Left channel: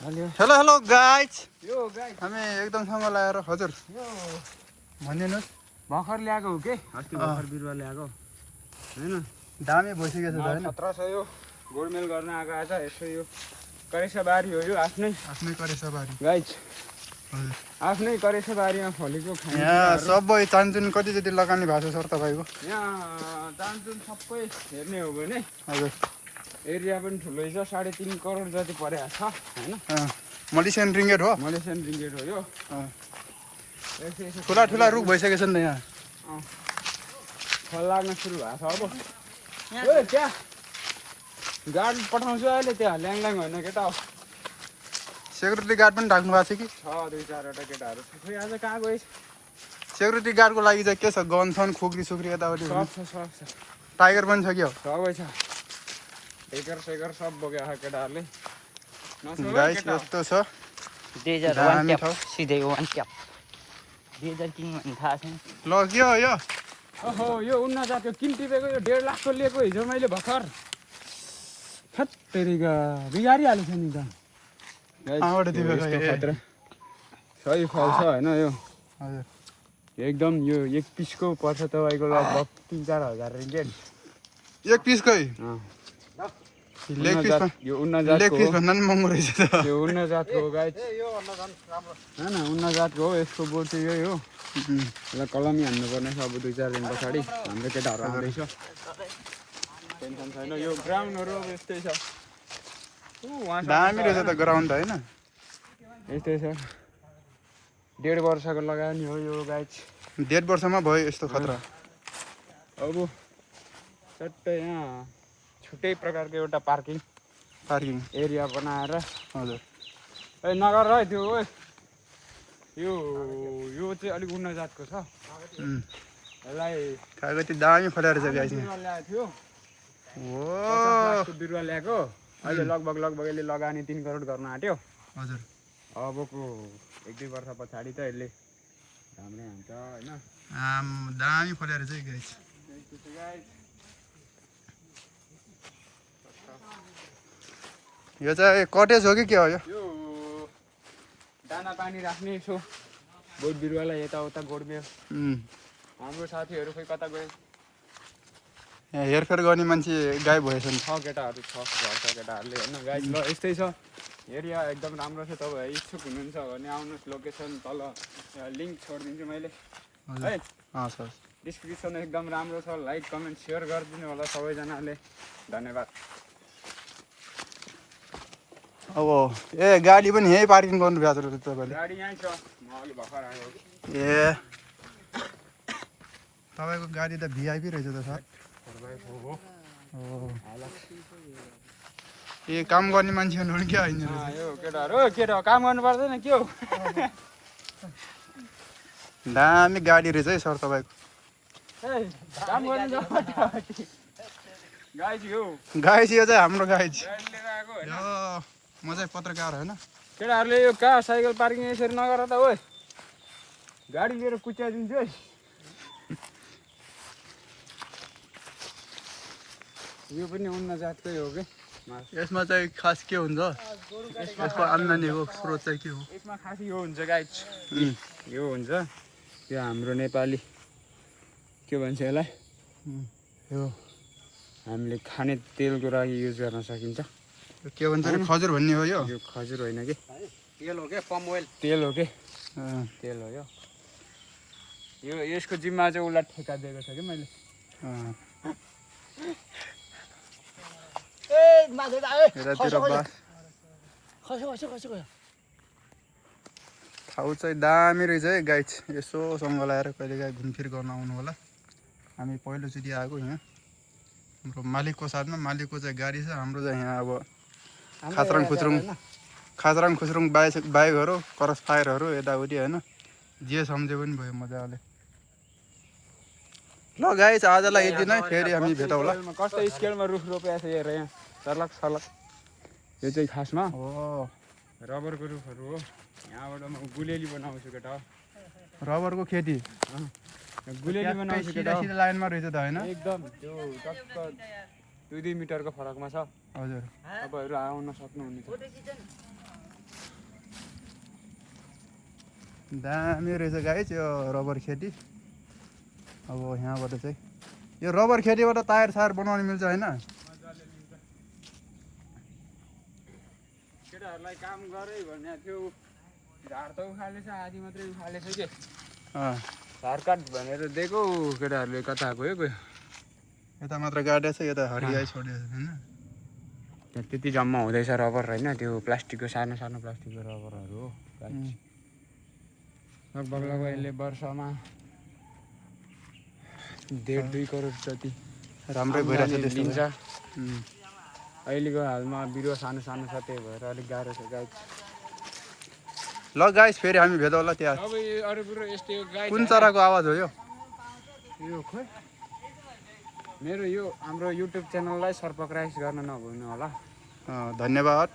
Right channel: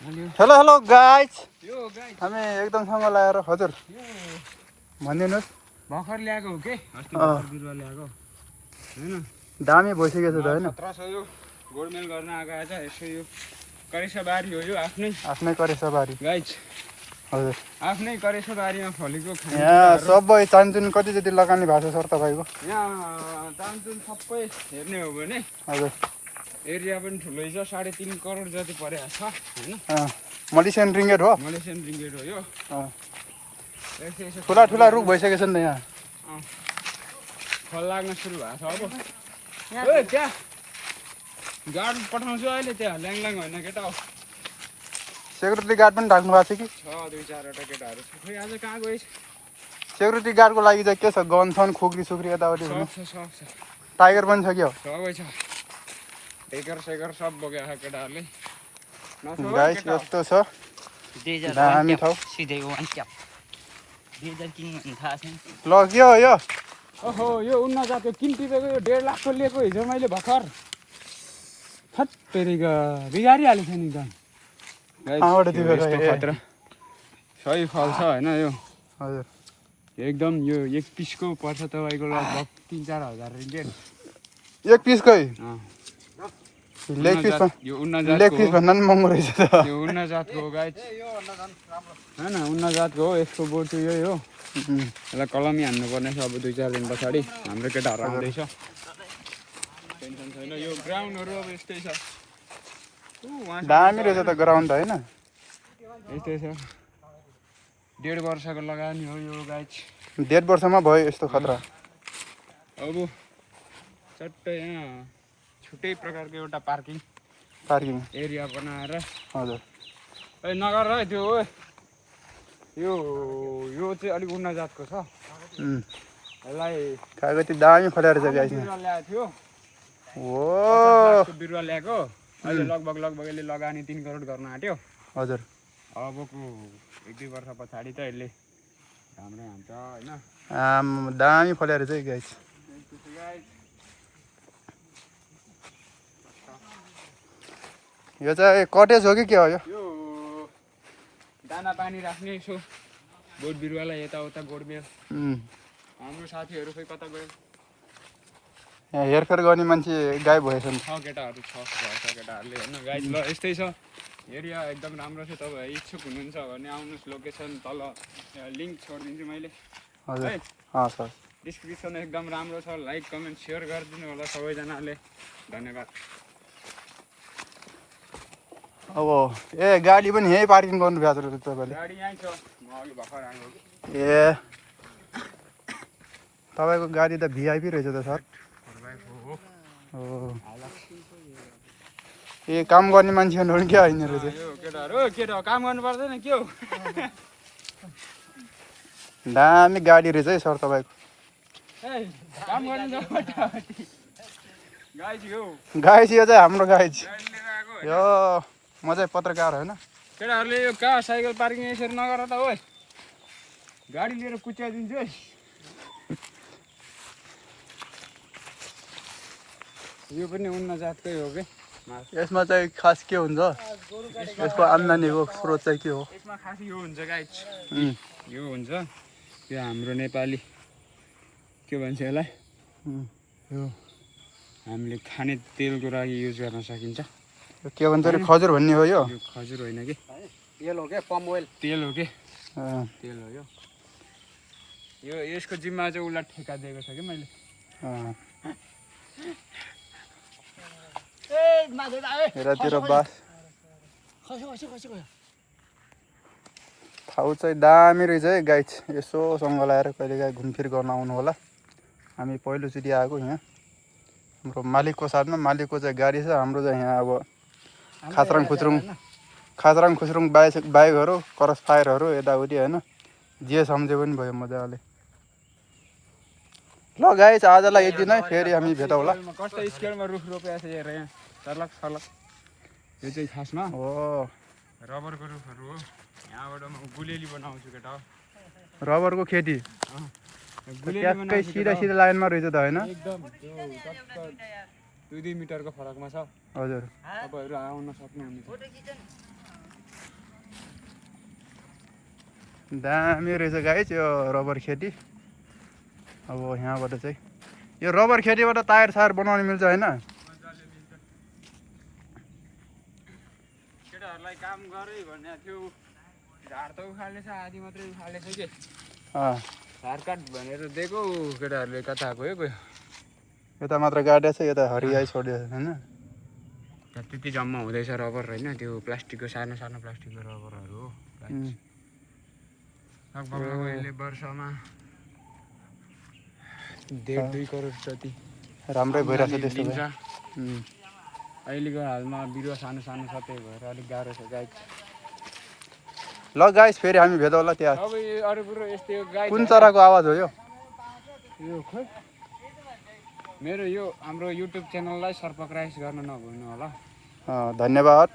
Hello hello guys yo guys हामी एकदमसँग लाएर हजुर यो भनिदिनुहोस् भर्खर ल्याएको हो के अस्ति भर्खर बिरुवा ल्याएको हैन दामी भइसकेको छ त हैन 1700 यो गोडमेल गर्न आएको आज यसो यो करेसाबारी हो यो आफ्नै करेसाबारी गाइस हजुर आफ्नै करेसाबारीमा फलेको यहाँ सबै चान्चुन कति जति लगानी भएको छ सर तपाईँको यहाँ चान्चुन सबै हेर्ने हो भने हजुर एरिया पनि ठुलै छ 3.5 करोड जति परेको छ हैन मलेसियन रिङ्गेट हो मलेसियन रिङ्गेट हो यो ठुला ठुला रुख भइसकेको छ नि त यहाँ फल लाग्न सुरु भएको छ अब ओ त्यहाँ गार्ड पठाउँछु अहिले त्यहाँ ल्याङल्याङ होइन केटा हो सेक्युरिटी गार्ड पनि राख्नु भएको छ कि छ 2-4 वटा केटाहरू खोइ आज कहाँ गएछ सेक्युरिटी गार्डको लागि चाहिँ के छ गन छन् खुक्री सुक्री यताउति सब टाइगर पनि छ कि हो सबै छ सेकर सब बोकेको छ केटाहरूले गाइस यस्तो छ दामी ठाउँ सिधै हो अनि क्या 2000 किन थाहा छैन ल के हो यो ओहो यो उन्ना जातको किन टिपेको यो 1.5 लाखको लिएको हिजो मैले भर्खर फत्तेरीका बिगारिहालेको छ नि त खतरा सही फल छ होइन यो हजुर एकदम यो एक पिसको पर्छ तपाईँको लगभग 3-4 हजार रिङ्गेट एक पिसकै लेग यो पिस भन्दा पनि महँगो रहेछ त यो उन्ना जातको हो गाइस होइन उन्ना जातको हो यसको बोट चाहिँ यही हो यसलाई कलमी हान्नुपर्ने छ अब 2-4 दिन पछाडि हाम्रो केटाहरू आउँदैछ टेन्सन छैन यो ग्राउन्डहरू अब यस्तै छ दामी रहेछ त ग्राउन्ड त होइन यस्तै छ 1.5 वर्षको लगानी हो यो गाइस 1.5 वर्षमा भयो यस्तो खतरा अब चट्टै यहाँ छुट्टै प्रकारको एउटा पार्किङ एरिया बनाएर हजुर ए नगर है त्यो ओ यो चाहिँ अलिक उन्ना जातको छ यसलाई कागती दामी फलेर चाहिँ गाइस बिरुवा ल्याएको थियो ओ बिरुवा ल्याएको अहिले लगभग यसले लगानी 3 करोड गर्न आँट्यो हजुर अबको 1-2 वर्ष पछाडि त यसले राम्रै हुन्छ होइन दामी फलेर चाहिँ गाइस यो चाहिँ कटेज हो कि के हो यो दाना पानी राख्ने यसो बोट बिरुवालाई यताउता गोडमेल हाम्रो साथीहरू खोइ कता गए यहाँ हेरफेर गर्ने मान्छे गायब भएछ नि छ केटाहरू छ केटाहरूले होइन गाइस ल यस्तै छ एरिया एकदम राम्रो छ तपाईँ इच्छुक हुनुहुन्छ भने आउनुहोस् लोकेसन तल लिङ्क छोडिदिन्छु मैले है सर डिस्क्रिप्सन एकदम राम्रो छ लाइक कमेन्ट सेयर गरिदिनु होला सबैजनाले धन्यवाद अब गाडी पनि यहीँ पार्किङ गर्नु भएको रहेछ तपाईँले गाडी यहीँ छ म अलि भर्खर आएको ए तपाईँको गाडी त भिआइपी रहेछ त सर ए काम गर्ने मान्छेहरू पनि क्या होइन रहेछ केटा काम गर्नु पर्दैन के हो दामी गाडी रहेछ है सर तपाईँको काम गर्नु गाइस यो चाहिँ हाम्रो गाइस यो म चाहिँ पत्रकार होइन केटाहरूले यो कहाँ साइकल पार्किङ यसरी नगर त हो गाडी लिएर कुच्याइदिन्छु है यो पनि उन्न जातकै हो कि यसमा चाहिँ खास के हुन्छ यसको आम्दानीको स्रोत चाहिँ के हो यसमा खास यो हुन्छ गाइस यो हुन्छ यो हाम्रो नेपाली के भन्छ यसलाई यो हामीले खाने तेलको लागि युज गर्न सकिन्छ के भन्छ अरे खजुर भन्ने हो यो खजुर होइन कि तेल हो के पम ओइल तेल हो के तेल हो यो यसको जिम्मा चाहिँ उसलाई ठेका दिएको छ कि मैले यतातिर बास ठाउँ चाहिँ दामी रहेछ है गाइस यसोसँग लगाएर कहिलेकाहीँ घुमफिर गर्न आउनु होला हामी पहिलोचोटि आएको यहाँ हाम्रो मालिकको साथमा मालिकको चाहिँ गाडी छ हाम्रो चाहिँ यहाँ अब खाचराङ खुचरुङ बाइकहरू क्रस फायरहरू यताउति होइन जे सम्झे पनि भयो मजाले ल गाइस आजलाई यति नै फेरि हामी भेटौँला कस्तो स्केलमा रुख रोपेको छ हेर यहाँ सर्लक यो चाहिँ खासमा हो रबरको रुखहरू हो यहाँबाट म गुलेली बनाउँछु केटा रबरको खेती ट्याक्कै सिधा लाइनमा रहेछ त होइन एकदम त्यो टक्क 2-2 मिटरको फरकमा छ हजुर तपाईँहरू आउन सक्नुहुनेछ दामी रहेछ गाइस यो रबर खेती। अब यहाँबाट चाहिँ यो रबर खेतीबाट टायर सायर बनाउन मिल्छ होइन? केटाहरूलाई काम गरै भन्ने थियो, झार त उखालेछ, आधी मात्रै उखालेछ के, झार काट भनेर दिएको, केटाहरूले कता गयो गयो। यता मात्र गाडेको छ, यता हरियाई छोडिएको छ होइन? त्यति जम्मा हुँदैछ रबर होइन, त्यो प्लास्टिकको सानो सानो प्लास्टिकको रबरहरू हो। लगभग अहिले वर्षमा 1.5-2 करोड जति राम्रै भइरहेछ त्यस्तो दिन्छ। भए। अहिलेको हालमा बिरुवा सानो सानो छ, त्यही भएर अलिक गाह्रो छ गाई। ल गाइस फेरि हामी भेटौँला त्यहाँ। अब यो अरू कुरो यस्तो गाई कुन चराको आवाज हो यो? यो खोइ मेरो यो हाम्रो युट्युब च्यानललाई सब्सक्राइब गर्न नभुल्नु होला। धन्यवाद।